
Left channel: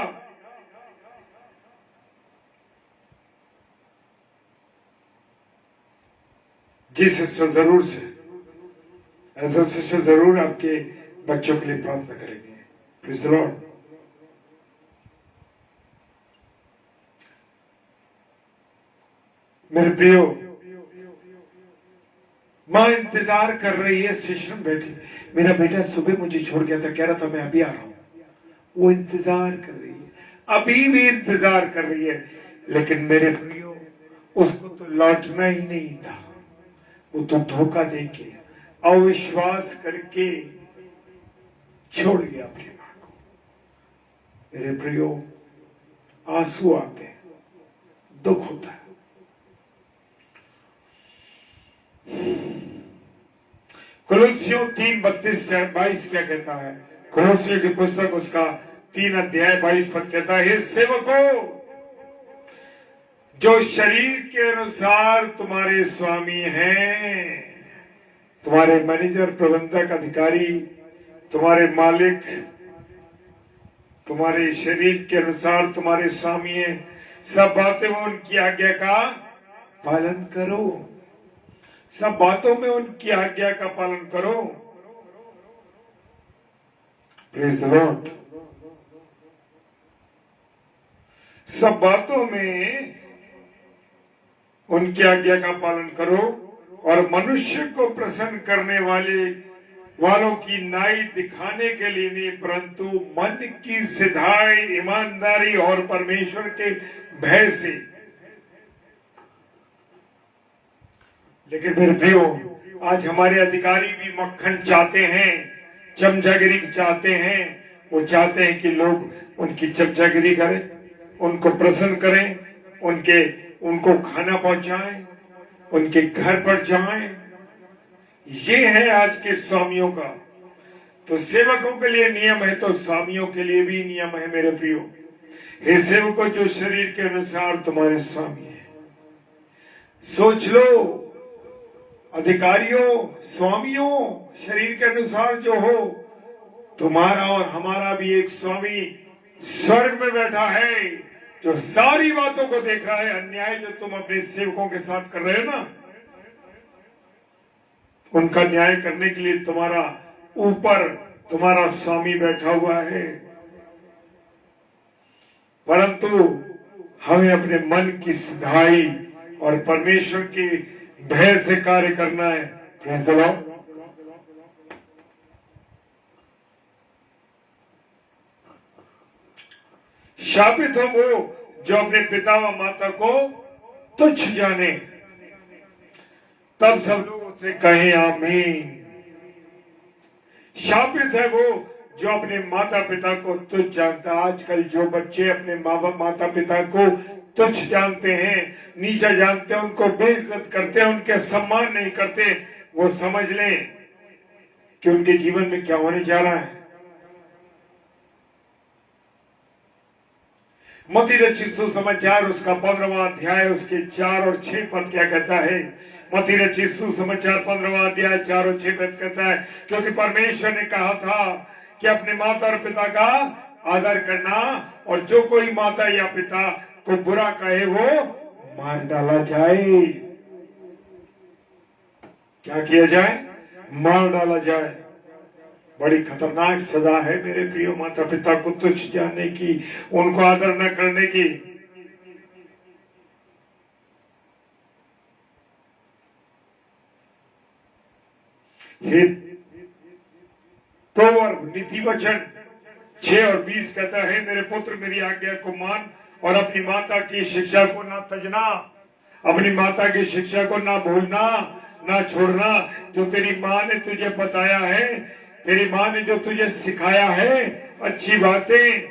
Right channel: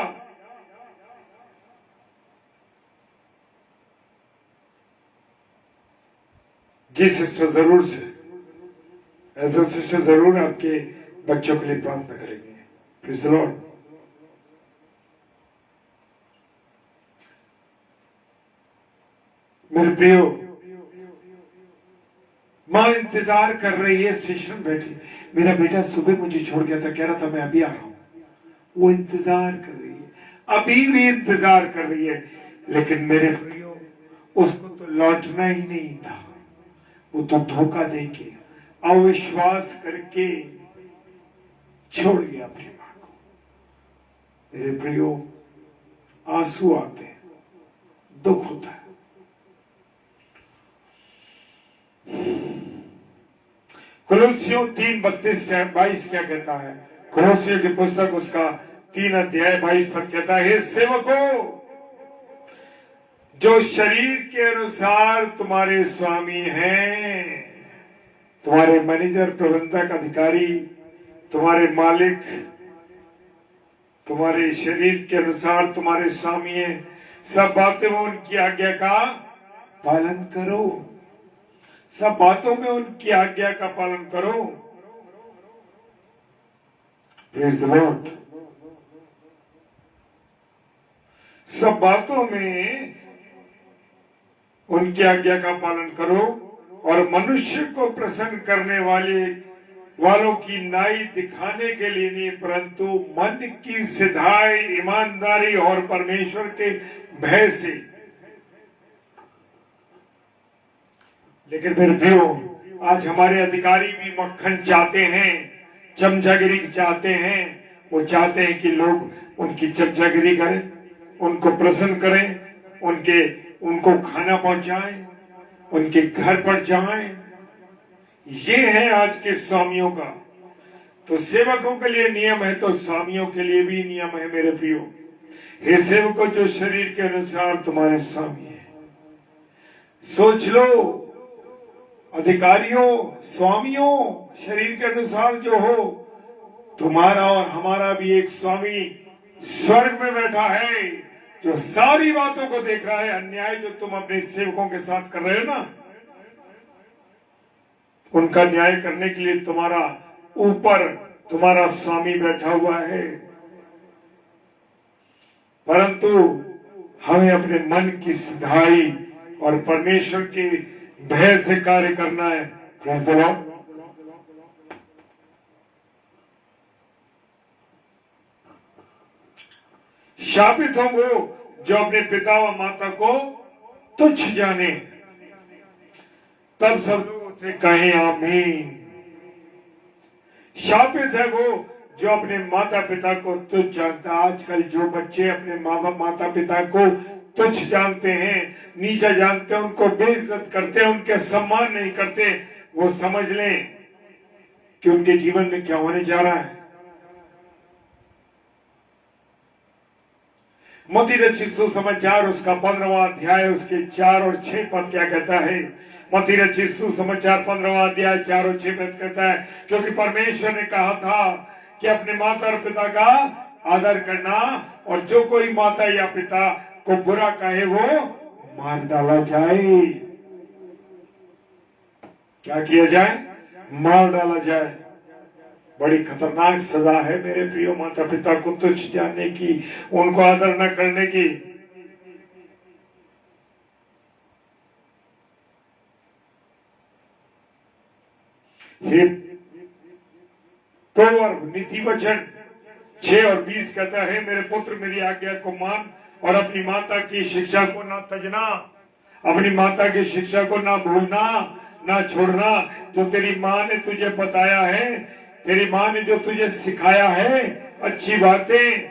जी सिस्टर, जरूर से ऐसा सिस्टर जरूर आपके बच्चों के लिए प्रार्थना करेंगे। Praise the Lord. मेरे प्रियो, मां इंतजार कर रही है, स्टेशन बैठी। मेरा बेटा सुबह मुझे छोड़ गया था, कह रहा था मैं अभी आ रहा हूं। वो इंतजार कर रही है, अभी भी इंतजार कर रही है। लेकिन मेरे प्रियो, उसको तो लौटना ही नहीं था। वो तो धोखा देके, अविश्वास करके छोड़ गया अपनी मां को। मेरे प्रियो, आंसू आते हैं, दुख होता है। कुलुस्सियों 3:32-22 क्या कहता है? कुलुस्सियों की पुस्तक उसका 3 अध्याय 22 पद कहता है, हे सेवकों, जो शरीर के अनुसार तुम्हारे स्वामी हैं, तुम्हारे मैनेजर, प्रबंधक, अधिकारी, तुम्हारे मालिक, तुम्हारे शरीर के अनुसार तुम्हारे स्वामी हैं, सब बातें में उनकी आज्ञा का पालन करो। सब बातों में उनकी आज्ञा का पालन करो। Praise the Lord. सब बातों में उनकी आज्ञा का पालन करो और मनुष्य को प्रसन्न करने वालों की नाई दिखाने के लिए नहीं, परंतु मन की सिधाई, ईमानदारी और परमेश्वर के भय से। लेकिन फिर भी आज हमारे अधिकारी भी मक्खन चाहते हैं, चमचागिरी चाहते हैं। वो चाहते हैं कि लोग उनकी चमचागिरी करें, उनको प्रसन्न करें, उनको खाना पहुंचाएं, उनके घर पर जाएं। ये है आज के स्वामियों का। तो सेवकों के लिए नियम है तो स्वामियों के लिए भी नियम है मेरे प्रियो। हे सेवकों जो शरीर के अनुसार तुम्हारे स्वामी है। सोच लो, अधिकारियों, स्वामियों, शरीर के अनुसार जो हो, तुम्हारा और हमारा भी एक स्वामी स्वर्ग में बैठा है जो सारी बातों को देख रहा है। अन्याय जो तुम अपने सेवकों के साथ कर रहे हो ना, उनका न्याय करने के लिए तुम्हारा ऊपर तुम्हारा स्वामी बैठा हुआ है। परंतु हमें अपने मन की सिधाई और परमेश्वर के भय से कार्य करना है। Praise the lord. शापित हो वो जो अपने पिता व माता को तुच्छ जाने। तब सब लोग उससे कहें आमीन। शापित है वो जो अपने माता पिता को तुच्छ जानता है। आजकल जो बच्चे अपने माता पिता को तुच्छ जानते हैं, नीचा जानते हैं, उनको बेइज्जत करते हैं, उनके सम्मान नहीं करते, वो समझ लें कि उनके जीवन में क्या होने जा रहा है। मत्ती रचित सुसमाचार उसका 15वां अध्याय उसके 4 और 6 पद क्या कहता है। मत्ती रचित सुसमाचार 15वां अध्याय 4 और 6 पद कहता है, क्योंकि परमेश्वर ने कहा था कि अपने माता और पिता का आदर करना, और जो कोई माता या पिता को बुरा कहे वो मार डाला जाए। क्या किया जाए? मार डाला जाए। बड़ी खतरनाक सजा है मेरे प्रियो माता पिता को तुच्छ जानने की, उनको आदर न करने की। प्रोवर्ब नीति वचन 6 और 20 कहता है, मेरे पुत्र मेरी आज्ञा को मान और अपनी माता की शिक्षा को ना तजना। अपनी माता की शिक्षा को ना भूलना, ना छोड़ना। जो तेरी माँ ने तुझे बताया है, तेरी माँ ने जो तुझे सिखाया है अच्छी बातें,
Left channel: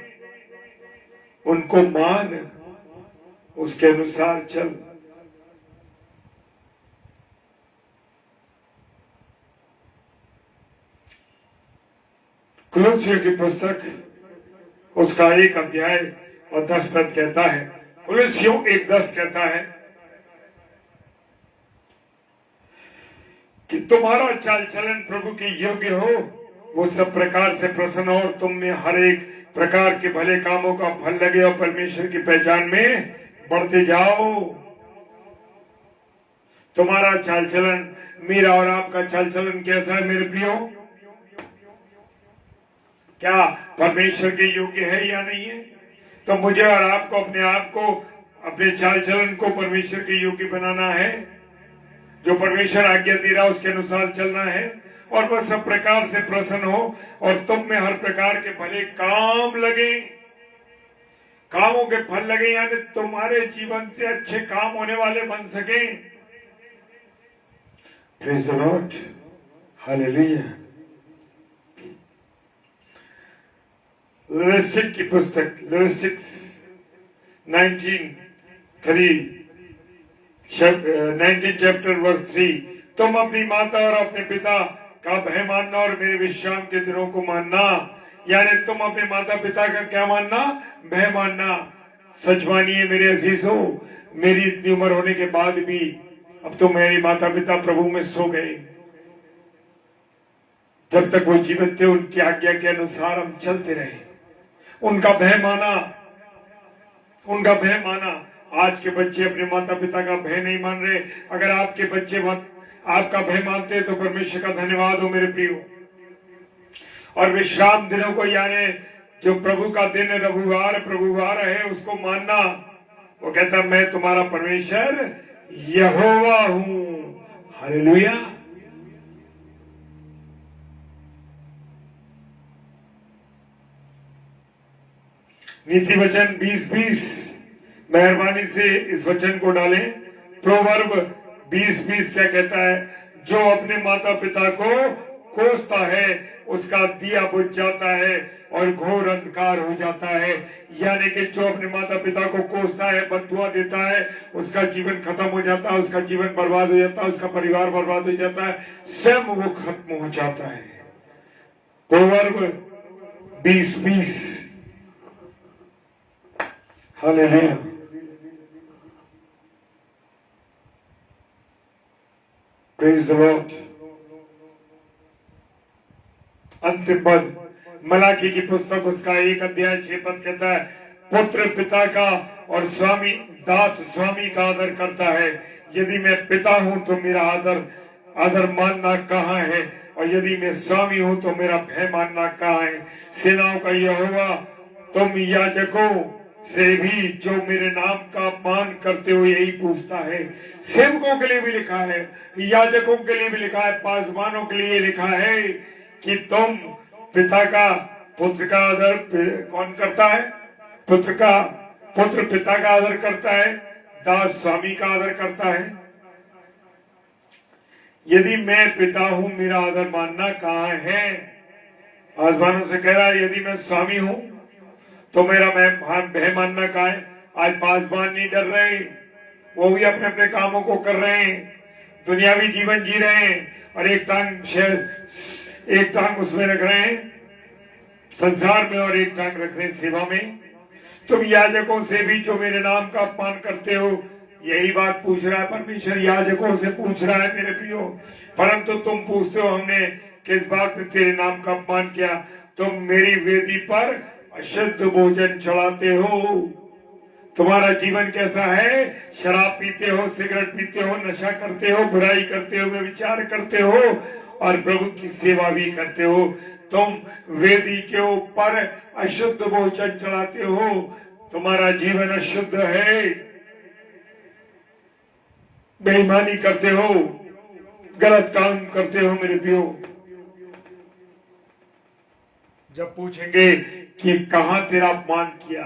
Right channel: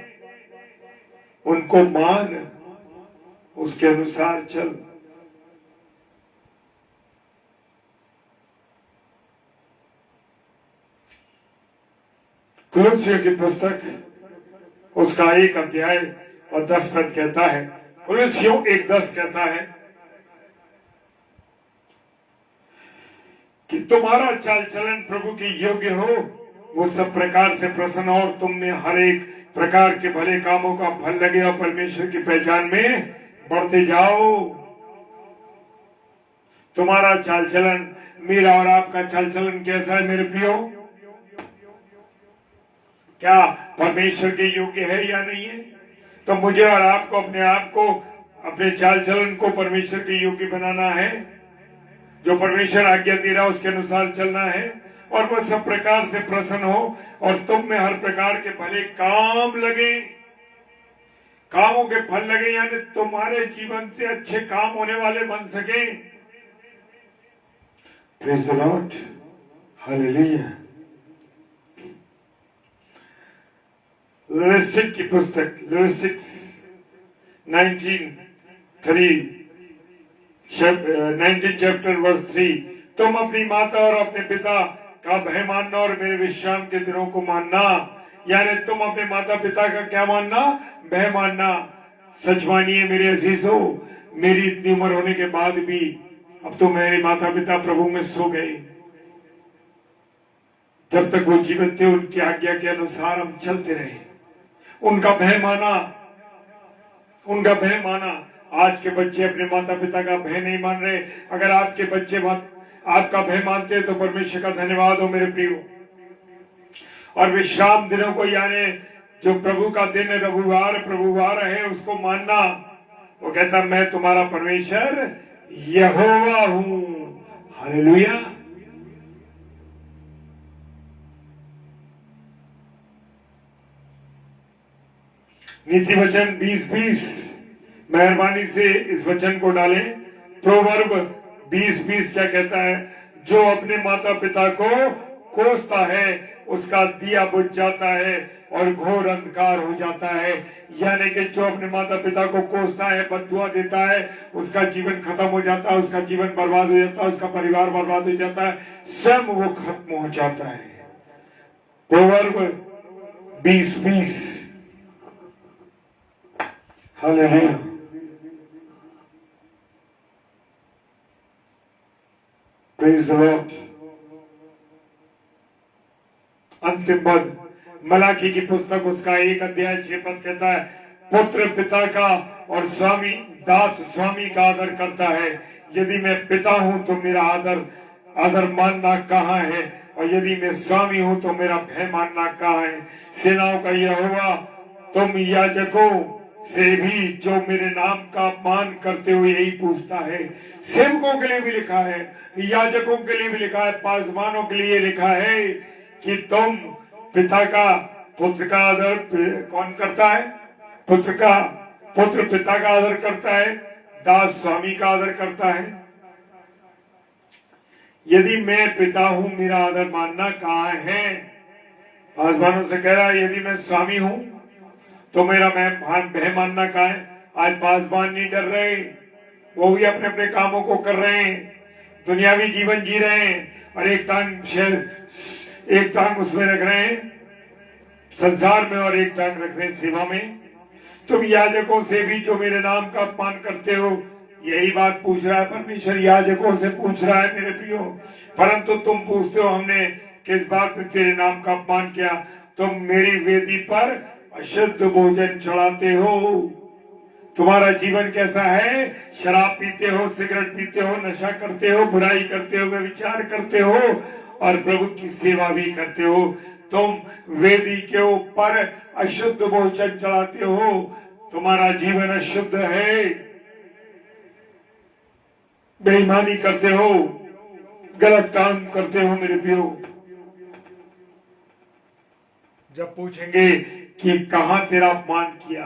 उनको मान, उसके अनुसार चल। कुलुस्सियों की पुस्तक उसका 1 अध्याय और 10 पद कहता है, कुलुस्सियों 1:10 कहता है कि तुम्हारा चाल चलन प्रभु के योग्य हो, वो सब प्रकार से प्रसन्न हो और तुम में हर एक प्रकार के भले कामों का फल लगे और परमेश्वर की पहचान में बढ़ते जाओ। तुम्हारा चाल चलन, मेरा और आपका चाल चलन कैसा है मेरे प्रियो? क्या परमेश्वर के योग्य है या नहीं है? तो मुझे और आपको अपने आप को, अपने चाल चलन को परमेश्वर के योग्य बनाना है। जो परमेश्वर आज्ञा दे रहा है उसके अनुसार चलना है, और वह सब प्रकार से प्रसन्न हो और तुम में हर प्रकार के भले काम लगे, कामों के फल लगे, यानी तुम्हारे जीवन से अच्छे काम होने वाले बन सके। Praise the lord, hallelujah. Leviticus की पुस्तक, लेविटिक्स 19 चैप्टर वर्स 3, तुम अपनी माता और अपने पिता का भय मानना और मेरे विश्राम के दिनों को मानना। यानी तुम अपने माता पिता का क्या मानना? भय मानना। सच मानिए मेरे अजीजों, मेरी इतनी उम्र होने के बाद भी अब तो मेरे माता पिता प्रभु में सो गए। जब तक वो जीवित थे उनकी आज्ञा के अनुसार हम चलते रहे, उनका भय माना, उनका भय माना। आज के बच्चे अपने माता पिता का भय नहीं मान रहे। अगर आपके बच्चे आपका भय मानते हैं तो परमेश्वर का धन्यवाद हो मेरे प्रियो। और विश्राम दिनों को, यानी जो प्रभु का दिन रविवार है उसको मानना। वो कहता मैं तुम्हारा परमेश्वर यहोवा हूं। हालेलुया। नीति वचन 20:20, मेहरबानी से इस वचन को डालें। प्रोवर्ब 20:20 क्या कहता है? जो अपने माता पिता को कोसता है उसका दिया बुझ जाता है और घोर अंधकार हो जाता है। यानी कि जो अपने माता पिता को कोसता है, बद्दुआ देता है, उसका जीवन खत्म हो जाता है, उसका जीवन बर्बाद हो जाता है, उसका परिवार बर्बाद हो जाता है, स्वयं वो खत्म हो जाता है। Proverb 20:20। Hallelujah. Praise the Lord. अंतिम पद मलाकी की पुस्तक उसका 1 अध्याय 6 पद कहता है, पुत्र पिता का और स्वामी दास स्वामी का आदर करता है। यदि मैं पिता हूं तो मेरा आदर मानना कहाँ है, और यदि मैं स्वामी हूं तो मेरा भय मानना कहाँ है। सेनाओं का यहोवा तुम याजकों से भी जो मेरे नाम का अपमान करते हुए यही पूछता है। सेवकों के लिए भी लिखा है, याजकों के लिए भी लिखा है, पासवानों के लिए लिखा है कि तुम पुत्र का आदर कौन करता है? पुत्र पिता का आदर करता है, दास स्वामी का आदर करता है। यदि मैं पिता हूं मेरा आदर मानना कहाँ है? आसमानों से कह रहा है यदि मैं स्वामी हूं तो मेरा भय मानना कहाँ है? आज पासवान नहीं डर रहे, वो भी अपने अपने कामों को कर रहे हैं, दुनियावी जीवन जी रहे हैं और एक टांग उसमें रख रहे हैं संसार में और एक टांग रख रहे हैं सेवा में। तुम याजकों से भी जो मेरे नाम का अपमान करते हो, यही बात पूछ रहा है परमेश्वर, याजकों से पूछ रहा है मेरे प्रियो। परंतु तुम पूछते हो हमने किस बात में तेरे नाम का अपमान किया? तुम मेरी वेदी पर अशुद्ध भोजन चढ़ाते हो। तुम्हारा जीवन कैसा है? शराब पीते हो, सिगरेट पीते हो, नशा करते हो, बुराई करते हो, विचार करते हो और प्रभु की सेवा भी करते हो। तुम वेदी के ऊपर अशुद्ध भोजन चढ़ाते हो, तुम्हारा जीवन अशुद्ध है, बेईमानी करते हो, गलत काम करते हो मेरे प्रियो। जब पूछेंगे कि कहां तेरा अपमान किया,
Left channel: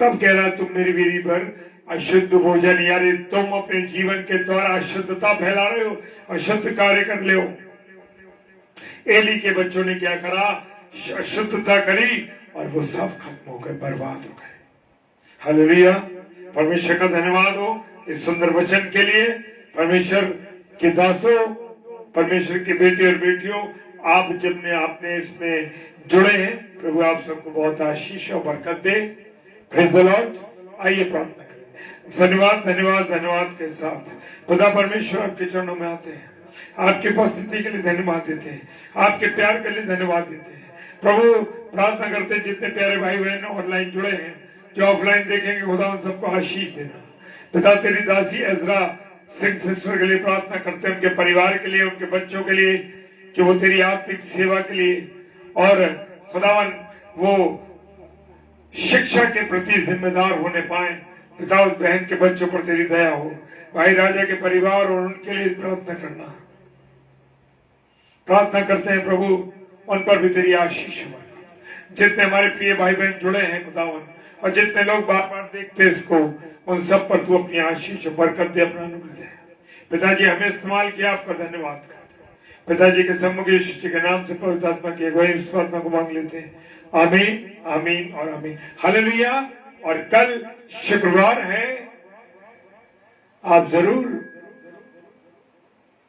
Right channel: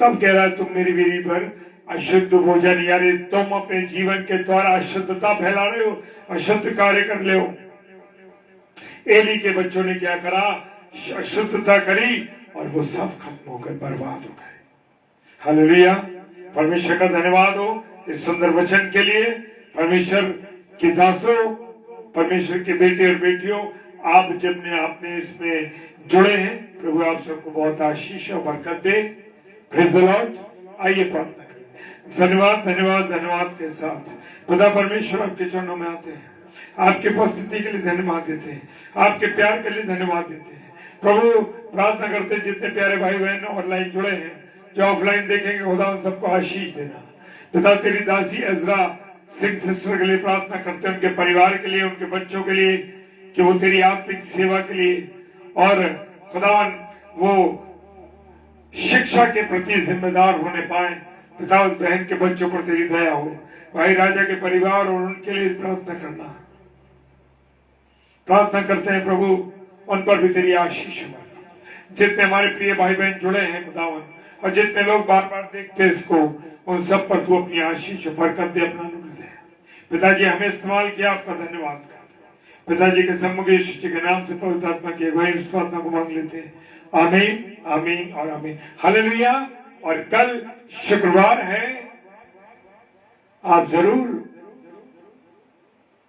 तब कह रहा है तुम मेरी वेदी पर अशुद्ध भोजन, यानी तुम अपने जीवन के द्वारा अशुद्धता फैला रहे हो, अशुद्ध कार्य कर ले हो। एली के बच्चों ने क्या करा? अशुद्धता करी और वो सब खत्म हो गए, बर्बाद हो गए। हालेलुया। परमेश्वर का धन्यवाद हो इस सुंदर वचन के लिए। परमेश्वर के दासों, परमेश्वर के बेटे और बेटियों, आप जिनने आपने इसमें जुड़े हैं, प्रभु आप सबको बहुत आशीष और बरकत दे। Praise the Lord. आइए प्रार्थना करें। धन्यवाद धन्यवाद धन्यवाद के साथ खुदा परमेश्वर आपके चरणों में आते हैं, आपकी उपस्थिति के लिए धन्यवाद देते हैं, आपके प्यार के लिए धन्यवाद देते हैं। प्रभु प्रार्थना करते हैं जितने प्यारे भाई बहन ऑनलाइन जुड़े हैं, जो ऑफलाइन देखेंगे, खुदा उन सबको आशीष देना। पिता तेरी दासी एजरा सिंह सिस्टर के लिए प्रार्थना करते हैं, उनके परिवार के लिए, उनके बच्चों के लिए, कि वो तेरी आत्मिक सेवा के लिए और खुदावन वो शिक्षा के प्रति जिम्मेदार होने पाए। पिता उस बहन के बच्चों पर तेरी दया हो। भाई राजा के परिवार और उनके लिए प्रार्थना करना, प्रार्थना करते हैं प्रभु उन पर भी तेरी आशीष हो। जितने हमारे प्रिय भाई बहन जुड़े हैं खुदावन, और जितने लोग बार बार देखते हैं इसको, उन सब पर तू अपनी आशीष बरकत दे, अपना अनुग्रह दे। पिताजी हमें इस्तेमाल किया, आपका धन्यवाद कर। पिताजी के सम्मुख यीशु के नाम से पवित्र आत्मा की अगुवाई इस प्रार्थना को मांग लेते हैं। आमीन आमीन और आमीन। हालेलुया। और कल शुक्रवार है, आप जरूर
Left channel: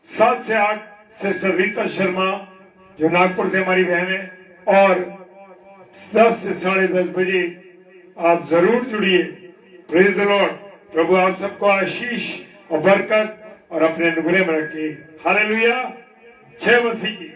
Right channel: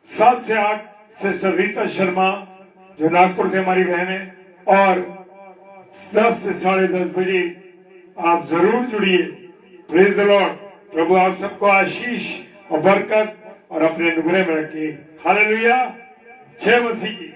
7 से 8 सिस्टर रीता शर्मा जो नागपुर से हमारी बहन है, और 10 से 10:30 बजे आप जरूर जुड़िए। Praise the Lord. प्रभु आप सबको आशीष और बरकत और अपने अनुग्रह में रखे। हालेलुया। जय मसीह की।